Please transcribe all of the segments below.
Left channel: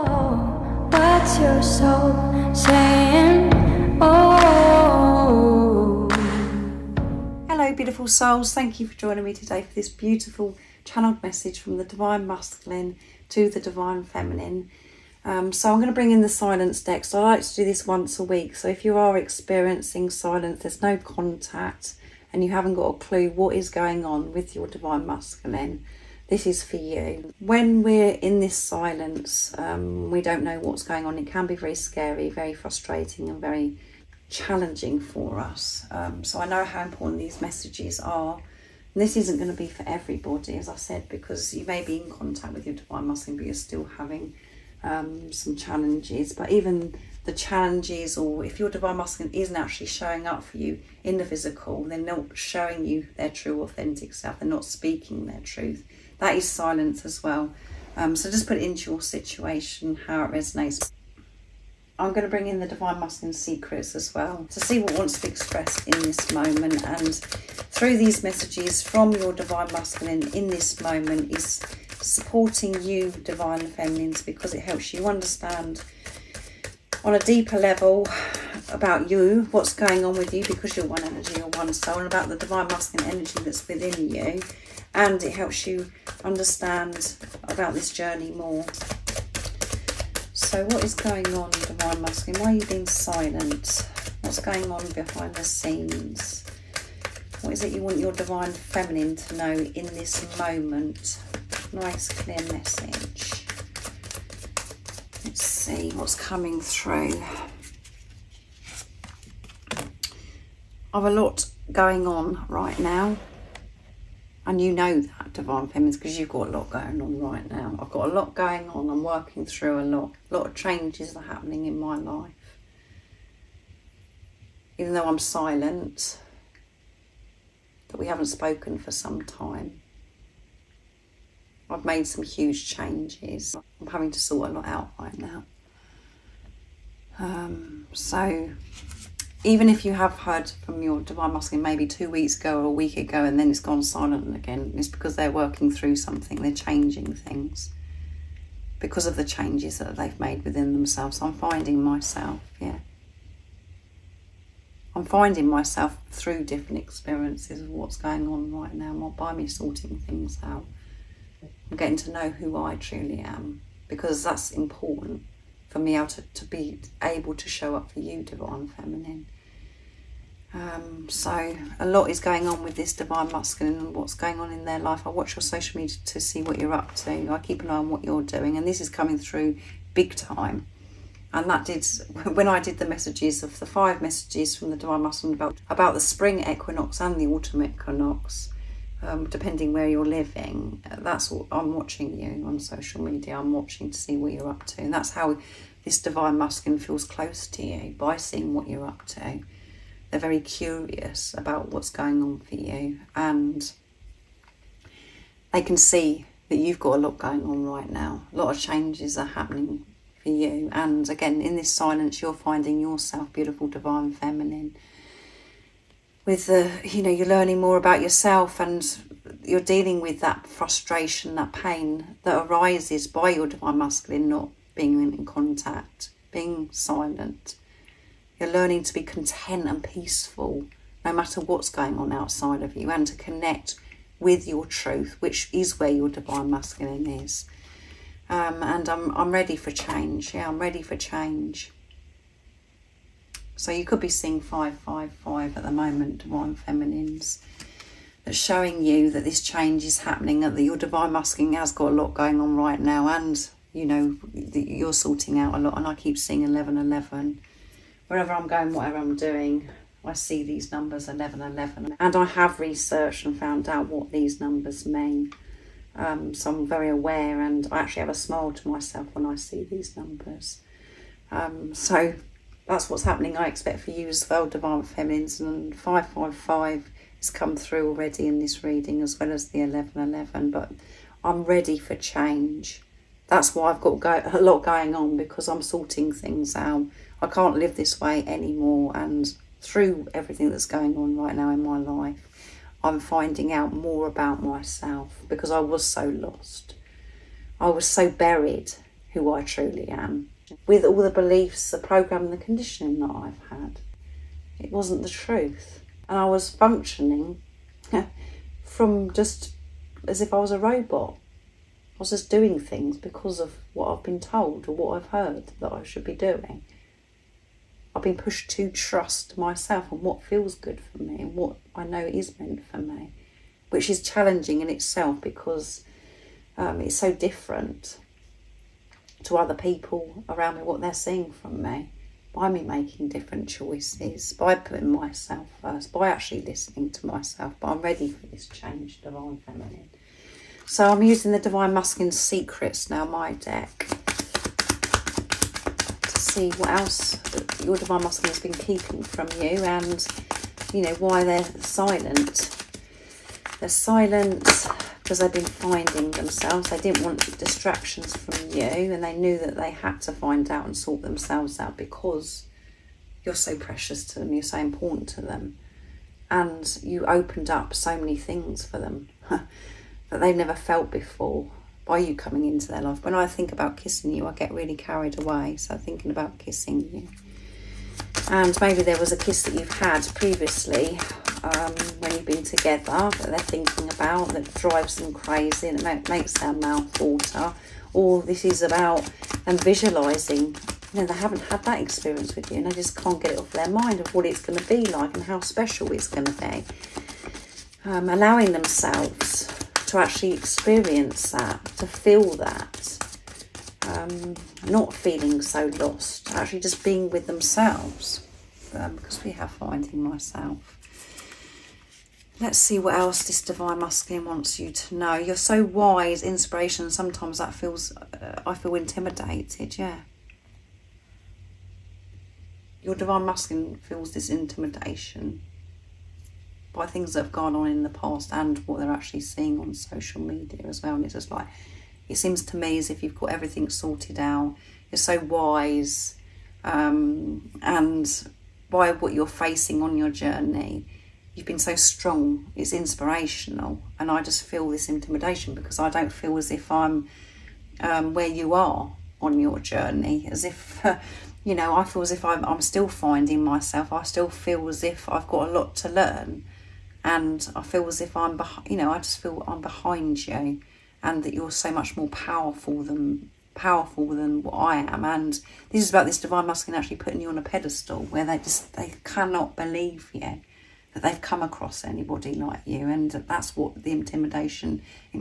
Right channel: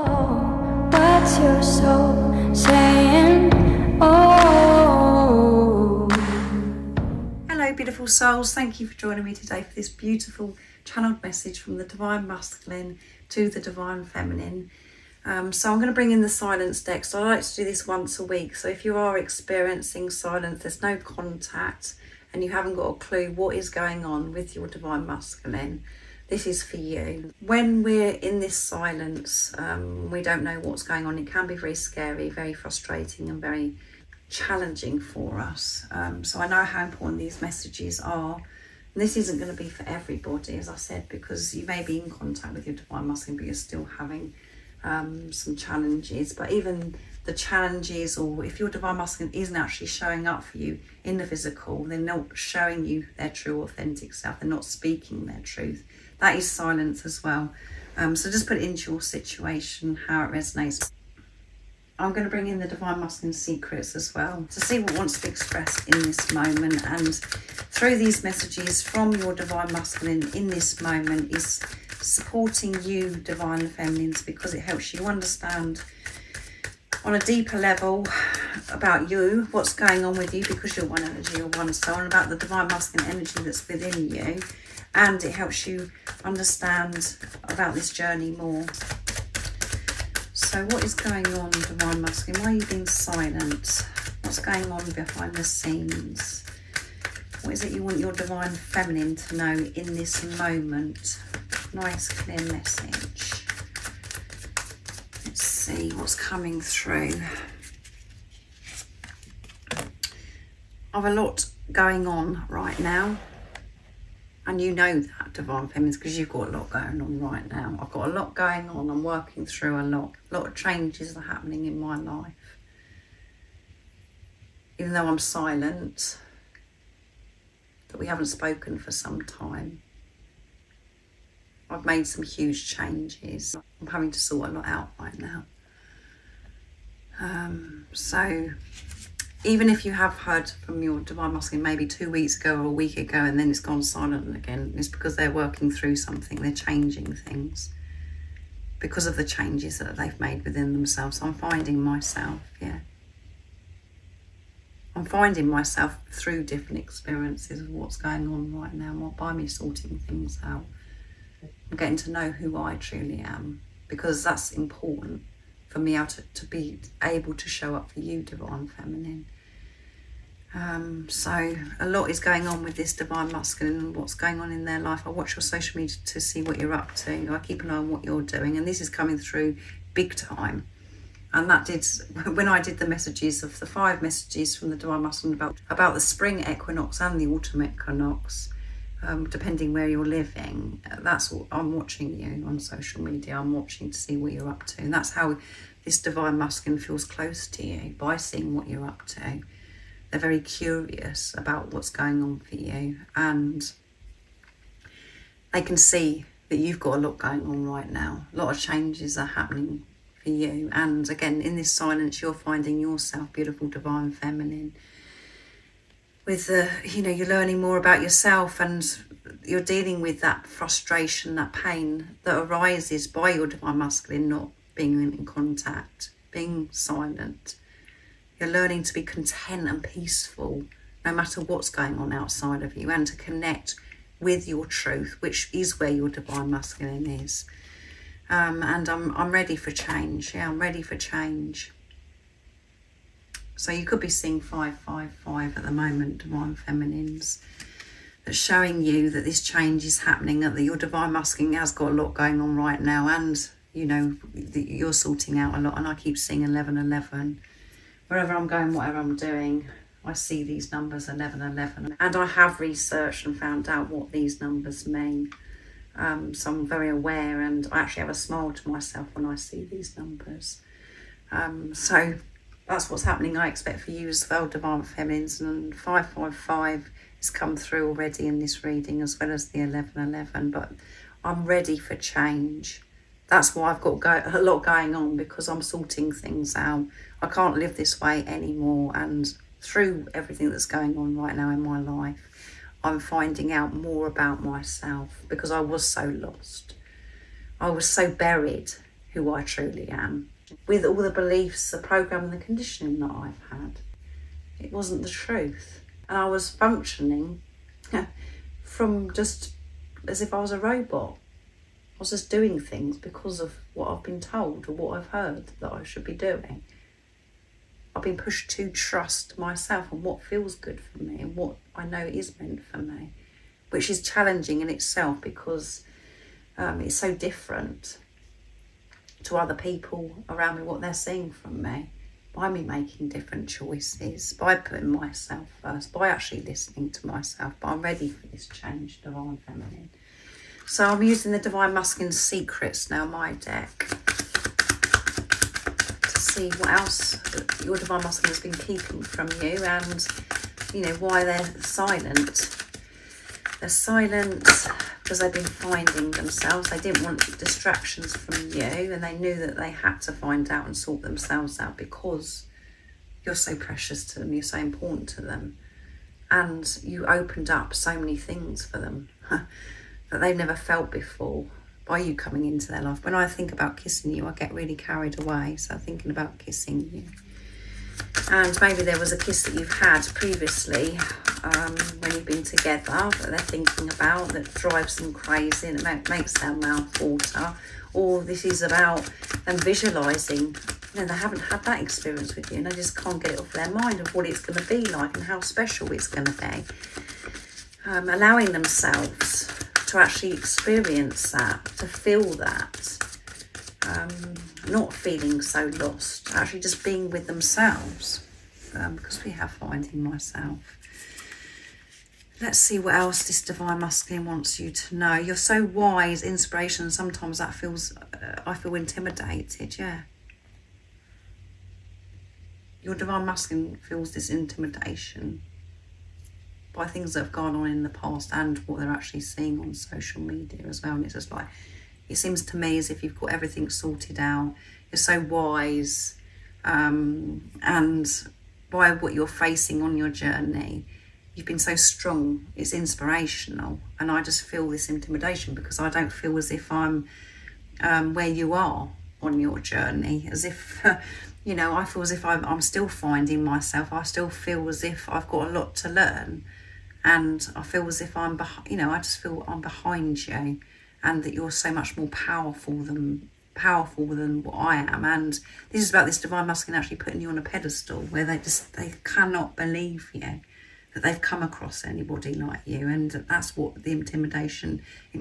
Oh, what's your soul saying? Oh. Hello beautiful souls, thank you for joining me today for this beautiful channeled message from the Divine Masculine to the Divine Feminine. So I'm going to bring in the silence deck. So I like to do this once a week. So if you are experiencing silence, there's no contact and you haven't got a clue what is going on with your Divine Masculine, this is for you. When we're in this silence, we don't know what's going on. It can be very scary, very frustrating and very challenging for us. So I know how important these messages are. And this isn't going to be for everybody, as I said, because you may be in contact with your Divine Masculine, but you're still having some challenges. But even the challenges, or if your Divine Masculine isn't actually showing up for you in the physical, they're not showing you their true authentic self, they're not speaking their truth, that is silence as well. So just put it into your situation, how it resonates. I'm going to bring in the Divine Masculine secrets as well to see what wants to be expressed in this moment. And through these messages from your Divine Masculine in this moment is supporting you, Divine Feminines, because it helps you understand on a deeper level about you, what's going on with you, because you're one energy, you're one soul, and about the Divine Masculine energy that's within you. And it helps you understand about this journey more. So what is going on, Divine Masculine? Why are you being silent? What's going on behind the scenes? What is it you want your Divine Feminine to know in this moment? Nice clear message. Let's see what's coming through. I've a lot going on right now. And you know that, Divine Feminines, because you've got a lot going on right now. I've got a lot going on. I'm working through a lot. A lot of changes are happening in my life. Even though I'm silent, that we haven't spoken for some time. I've made some huge changes. I'm having to sort a lot out right now. So even if you have heard from your Divine Masculine maybe 2 weeks ago or a week ago and then it's gone silent again, it's because they're working through something, they're changing things because of the changes that they've made within themselves. I'm finding myself, I'm finding myself through different experiences of what's going on right now by me sorting things out. I'm getting to know who I truly am, because that's important for me to be able to show up for you, Divine Feminine. So a lot is going on with this Divine Masculine and what's going on in their life. I watch your social media to see what you're up to. I keep an eye on what you're doing, and this is coming through big time. And that did, when I did the messages of the 5 messages from the Divine Masculine about the spring equinox and the autumn equinox, depending where you're living, that's what I'm watching you on social media. I'm watching to see what you're up to, and that's how this Divine Masculine feels close to you, by seeing what you're up to. They're very curious about what's going on for you, and they can see that you've got a lot going on right now. A lot of changes are happening for you, and again, in this silence, you're finding yourself, beautiful Divine Feminine. With the, you're learning more about yourself, and you're dealing with that frustration, that pain that arises by your Divine Masculine not being in contact, being silent. You're learning to be content and peaceful no matter what's going on outside of you, and to connect with your truth, which is where your Divine Masculine is. And I'm ready for change. I'm ready for change. So you could be seeing 555 at the moment, Divine Feminines. That's showing you that this change is happening, that your Divine Masculine has got a lot going on right now, and you're sorting out a lot. And I keep seeing 1111. Wherever I'm going, whatever I'm doing, I see these numbers 1111. And I have researched and found out what these numbers mean. So I'm very aware, and I actually have a smile to myself when I see these numbers. So that's what's happening, I expect, for you as well, Divine Feminines. And 555 has come through already in this reading, as well as the 1111. But I'm ready for change. That's why I've got a lot going on, because I'm sorting things out. I can't live this way anymore. And through everything that's going on right now in my life, I'm finding out more about myself, because I was so lost. I was so buried who I truly am. With all the beliefs, the program and the conditioning that I've had, it wasn't the truth. And I was functioning from just as if I was a robot. I was just doing things because of what I've been told or what I've heard that I should be doing. I've been pushed to trust myself and what feels good for me and what I know is meant for me, which is challenging in itself because it's so different to other people around me, what they're seeing from me, by me making different choices, by putting myself first, by actually listening to myself. But I'm ready for this change, Divine Feminine. So I'm using the Divine Masculine Secrets now, my deck, to see what else your Divine Masculine has been keeping from you and, you know, why they're silent. They're silent because they've been finding themselves. They didn't want distractions from you, and they knew that they had to find out and sort themselves out because you're so precious to them, you're so important to them, and you opened up so many things for them that they've never felt before by you coming into their life. When I think about kissing you, I get really carried away, so thinking about kissing you. And maybe there was a kiss that you've had previously when you've been together that they're thinking about, that drives them crazy and it makes their mouth water. Or this is about them visualising, you know, they haven't had that experience with you and they just can't get it off their mind of what it's going to be like and how special it's going to be. Allowing themselves to actually experience that, to feel that. Not feeling so lost, actually just being with themselves, because we have finding myself. Let's see what else this Divine Masculine wants you to know. You're so wise, inspiration. Sometimes that feels, I feel intimidated, yeah. Your Divine Masculine feels this intimidation by things that have gone on in the past and what they're actually seeing on social media as well. And it's just like, it seems to me as if you've got everything sorted out. You're so wise, and by what you're facing on your journey, you've been so strong. It's inspirational, and I just feel this intimidation because I don't feel as if I'm where you are on your journey. As if, you know, I feel as if I'm still finding myself. I still feel as if I've got a lot to learn, and I feel as if I'm behind. You know, I just feel I'm behind you. And that you're so much more powerful than what I am. And this is about this Divine Masculine actually putting you on a pedestal where they cannot believe you, that they've come across anybody like you. And that's what the intimidation, it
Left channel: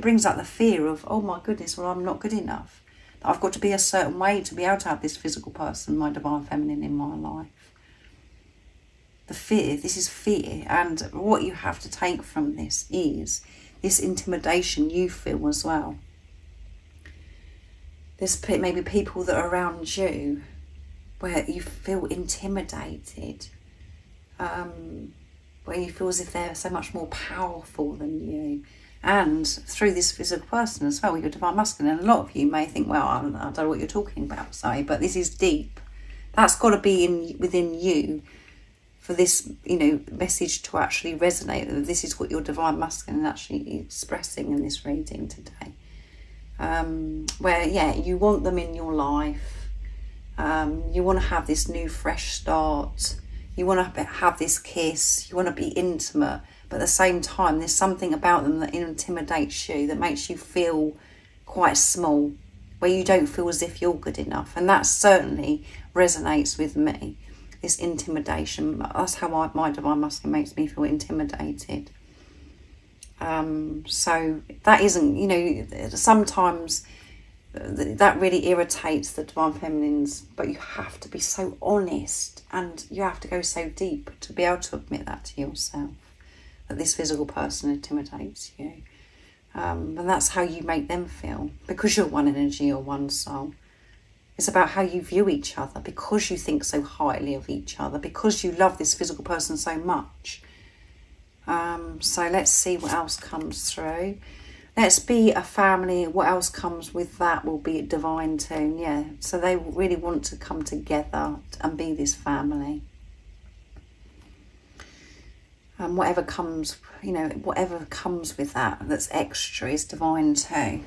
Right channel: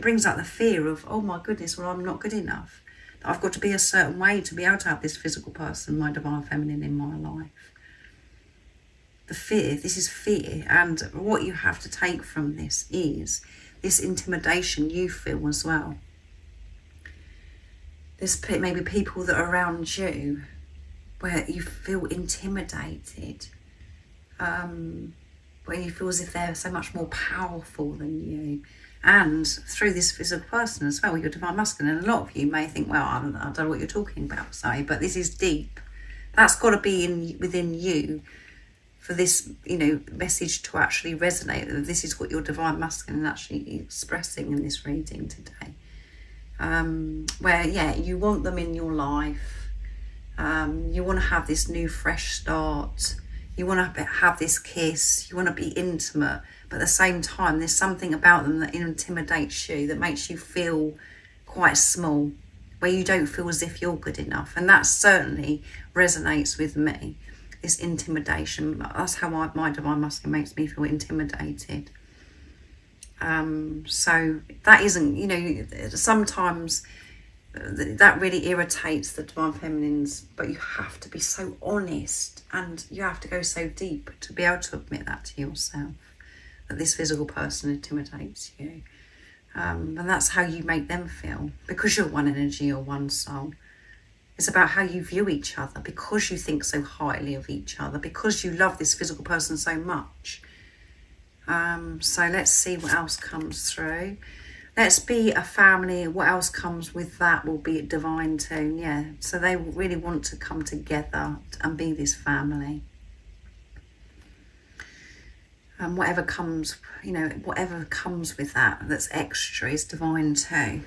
brings out the fear of, oh my goodness, well, I'm not good enough. I've got to be a certain way to be able to have this physical person, my Divine Feminine, in my life. The fear, this is fear. And what you have to take from this is this intimidation you feel as well. There's maybe people that are around you where you feel intimidated, where you feel as if they're so much more powerful than you. And through this physical person as well, your Divine Masculine. And a lot of you may think, well, I don't know what you're talking about, sorry, but this is deep. That's got to be within you for this, you know, message to actually resonate. This is what your Divine Masculine is actually expressing in this reading today. Where, yeah, you want them in your life. You want to have this new, fresh start. You want to have this kiss. You want to be intimate. But at the same time, there's something about them that intimidates you, that makes you feel quite small, where you don't feel as if you're good enough. And that certainly resonates with me. This intimidation, that's how my Divine Masculine makes me feel intimidated. So that isn't, you know, sometimes that really irritates the Divine Feminines, but you have to be so honest and you have to go so deep to be able to admit that to yourself, that this physical person intimidates you. And that's how you make them feel, because you're one energy, you're one soul. It's about how you view each other, because you think so highly of each other, because you love this physical person so much. So let's see what else comes through. Let's be a family. What else comes with that will be a divine tune. Yeah, so they really want to come together and be this family. And whatever comes, you know, whatever comes with that, that's extra, is divine too.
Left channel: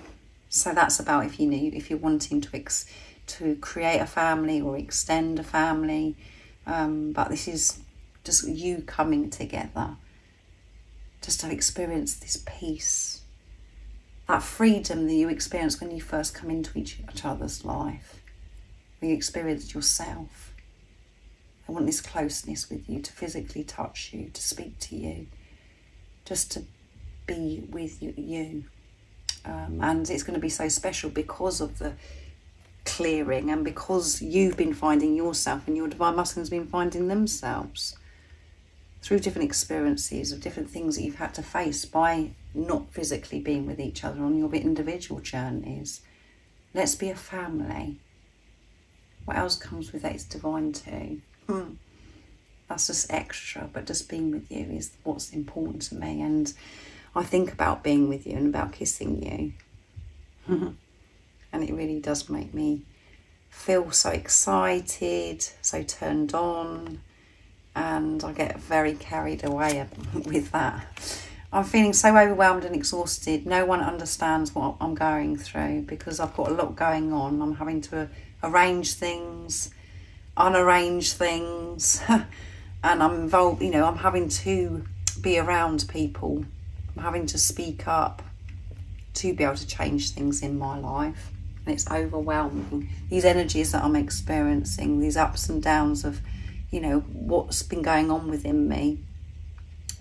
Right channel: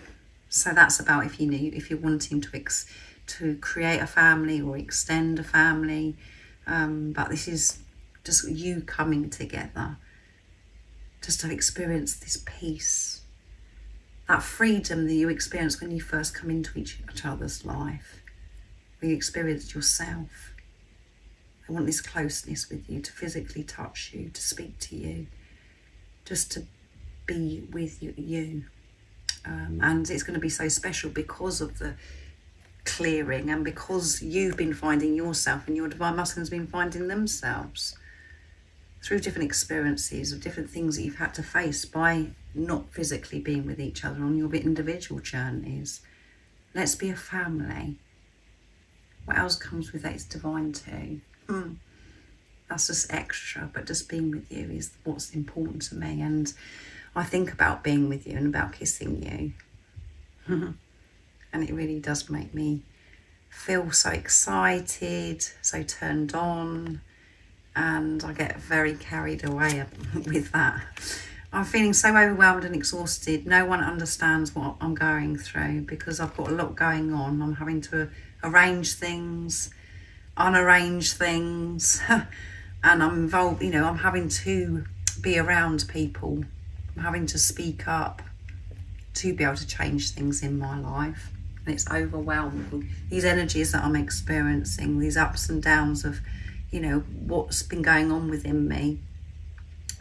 So that's about if you're wanting to create a family or extend a family. But this is just you coming together, just to experience this peace, that freedom that you experience when you first come into each other's life, when you experience yourself. I want this closeness with you, to physically touch you, to speak to you, just to be with you. And it's going to be so special because of the clearing, and because you've been finding yourself and your divine masculine's been finding themselves through different experiences of different things that you've had to face by not physically being with each other on your individual journeys. Let's be a family. What else comes with that? It's divine too. That's just extra, but just being with you is what's important to me. And I think about being with you and about kissing you. And it really does make me feel so excited, so turned on, and I get very carried away with that. I'm feeling so overwhelmed and exhausted. No one understands what I'm going through because I've got a lot going on. I'm having to arrange things, unarrange things, and I'm involved, I'm having to be around people. I'm having to speak up to be able to change things in my life. And it's overwhelming. These energies that I'm experiencing, these ups and downs of, what's been going on within me,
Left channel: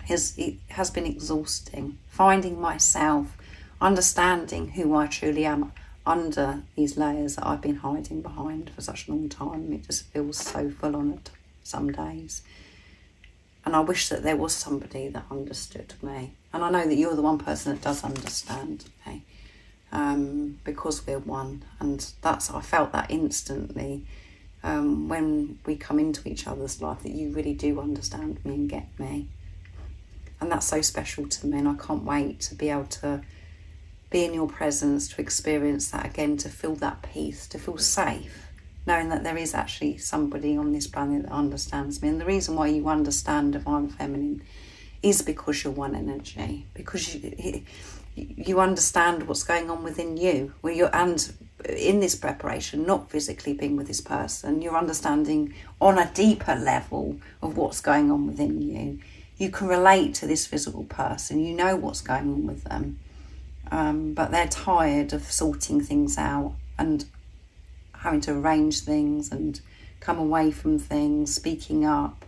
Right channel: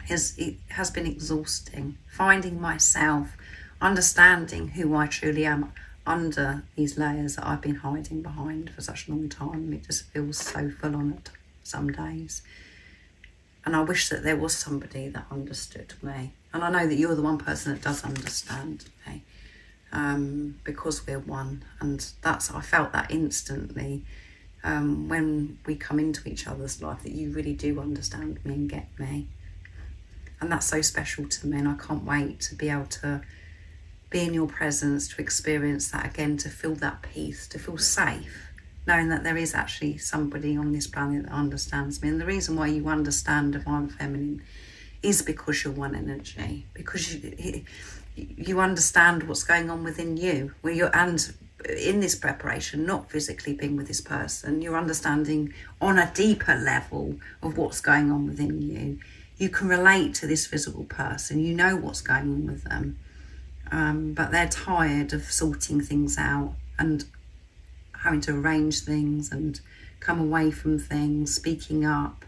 it has been exhausting. Finding myself, understanding who I truly am under these layers that I've been hiding behind for such a long time. It just feels so full on at some days. And I wish that there was somebody that understood me. And I know that you're the one person that does understand me. Because we're one, and I felt that instantly when we come into each other's life, that you really do understand me and get me, and that's so special to me. And I can't wait to be able to be in your presence, to experience that again, to feel that peace, to feel safe, knowing that there is actually somebody on this planet that understands me. And the reason why you understand Divine Feminine is because you're one energy, because you understand what's going on within you, and in this preparation, not physically being with this person, you're understanding on a deeper level of what's going on within you. You can relate to this physical person, you know what's going on with them, but they're tired of sorting things out and having to arrange things and come away from things, speaking up.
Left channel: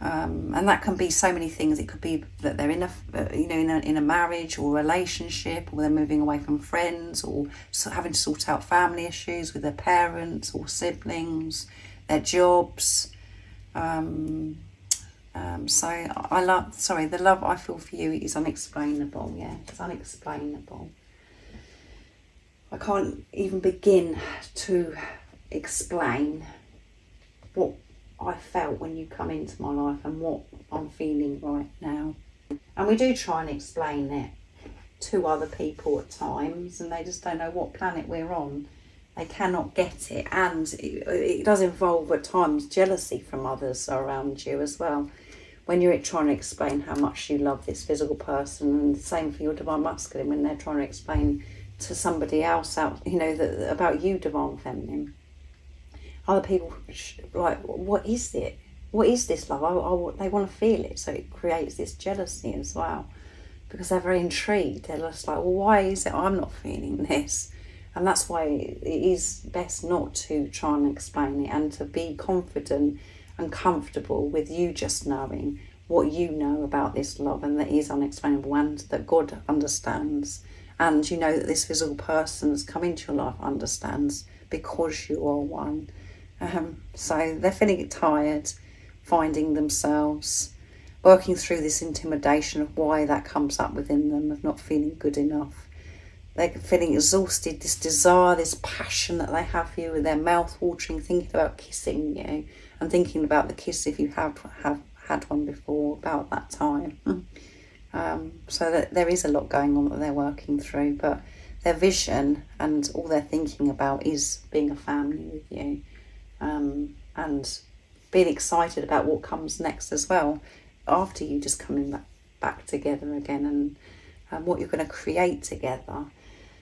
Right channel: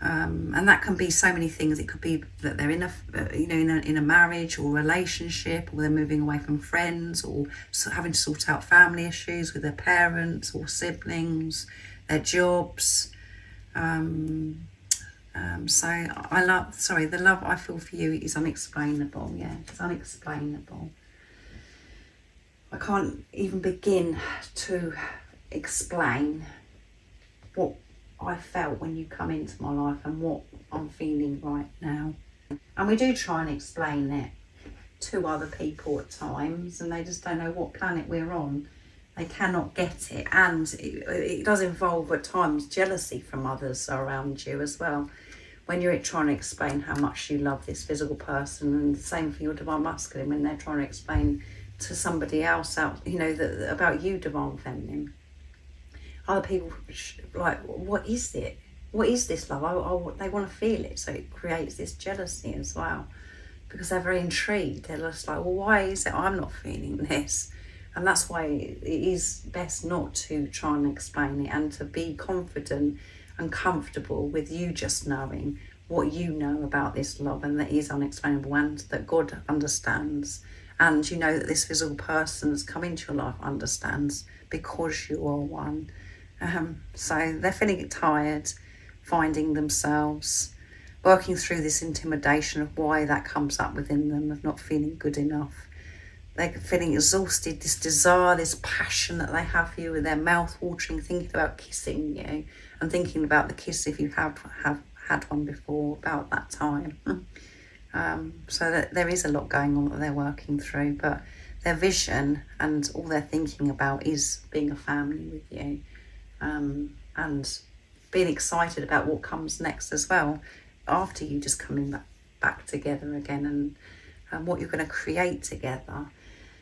And that can be so many things. It could be that they're in a marriage or a relationship, or they're moving away from friends, or having to sort out family issues with their parents or siblings, their jobs. So the love I feel for you is unexplainable. Yeah, it's unexplainable. I can't even begin to explain what I felt when you come into my life and what I'm feeling right now. And we do try and explain it to other people at times, and they just don't know what planet we're on. They cannot get it, and it does involve at times jealousy from others around you as well, when you're trying to explain how much you love this physical person. And the same for your Divine Masculine, when they're trying to explain to somebody else about you, Divine Feminine. Other people like, what is it? What is this love? They want to feel it, so it creates this jealousy as well, because they're very intrigued. They're just like, well, why is it I'm not feeling this? And that's why it is best not to try and explain it, and to be confident and comfortable with you just knowing what you know about this love, and that is unexplainable, and that God understands. And you know that this physical person that's come into your life understands, because you are one. So they're feeling tired, finding themselves, working through this intimidation of why that comes up within them, of not feeling good enough. They're feeling exhausted, this desire, this passion that they have for you, with their mouth watering, thinking about kissing you, and thinking about the kiss, if you have had one before, about that time. So that there is a lot going on that they're working through, but their vision and all they're thinking about is being a family with you, and being excited about what comes next as well, after you just coming back together again, and what you're going to create together.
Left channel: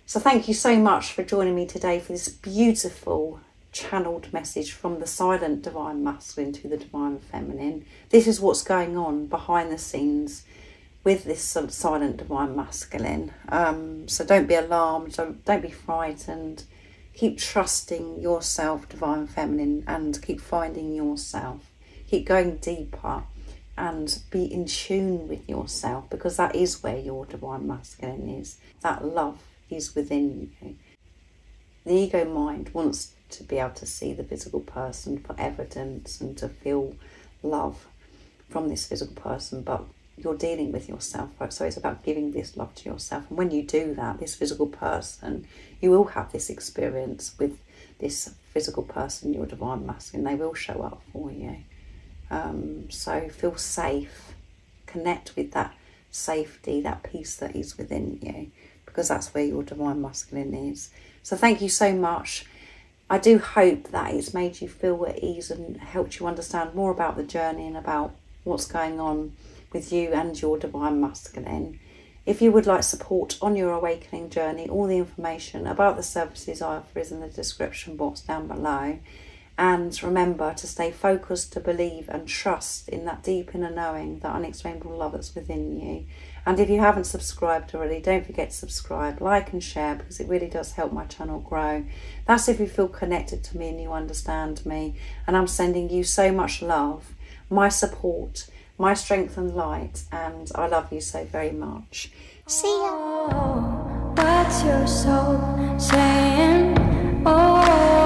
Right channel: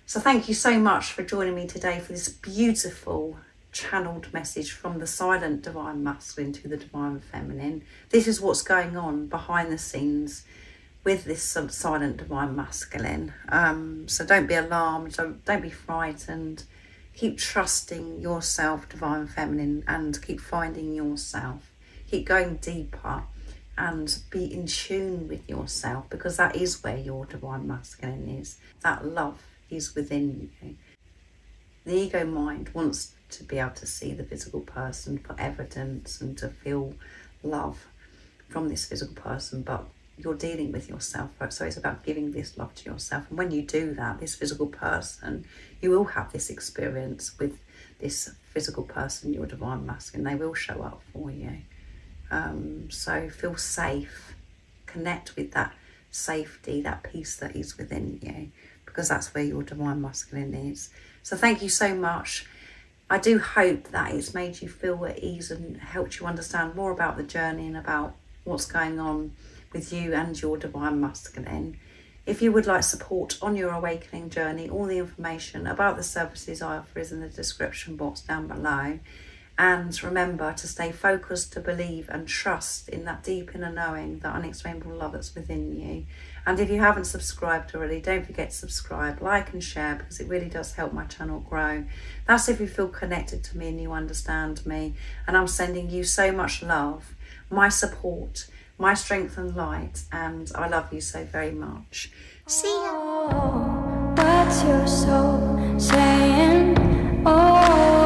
So thank you so much for joining me today for this beautiful channeled message from the silent divine masculine to the divine feminine. This is what's going on behind the scenes with this silent divine masculine. So don't be alarmed, don't be frightened. Keep trusting yourself, divine feminine, and keep finding yourself. Keep going deeper and be in tune with yourself, because that is where your divine masculine is. That love is within you. The ego mind wants to be able to see the physical person for evidence and to feel love from this physical person, but you're dealing with yourself, right? So it's about giving this love to yourself. And when you do that, this physical person, you will have this experience with this physical person, your divine masculine. They will show up for you. So feel safe, connect with that safety, that peace that is within you, because that's where your divine masculine is. So thank you so much. I do hope that it's made you feel at ease and helped you understand more about the journey and about what's going on with you and your divine masculine. If you would like support on your awakening journey, all the information about the services I offer is in the description box down below. And remember to stay focused, to believe and trust in that deep inner knowing, that unexplainable love that's within you. And if you haven't subscribed already, don't forget to subscribe, like and share, because it really does help my channel grow. That's if you feel connected to me and you understand me. And I'm sending you so much love, my support, my strength and light, and I love you so very much. See ya. Oh, what's your soul saying? Oh.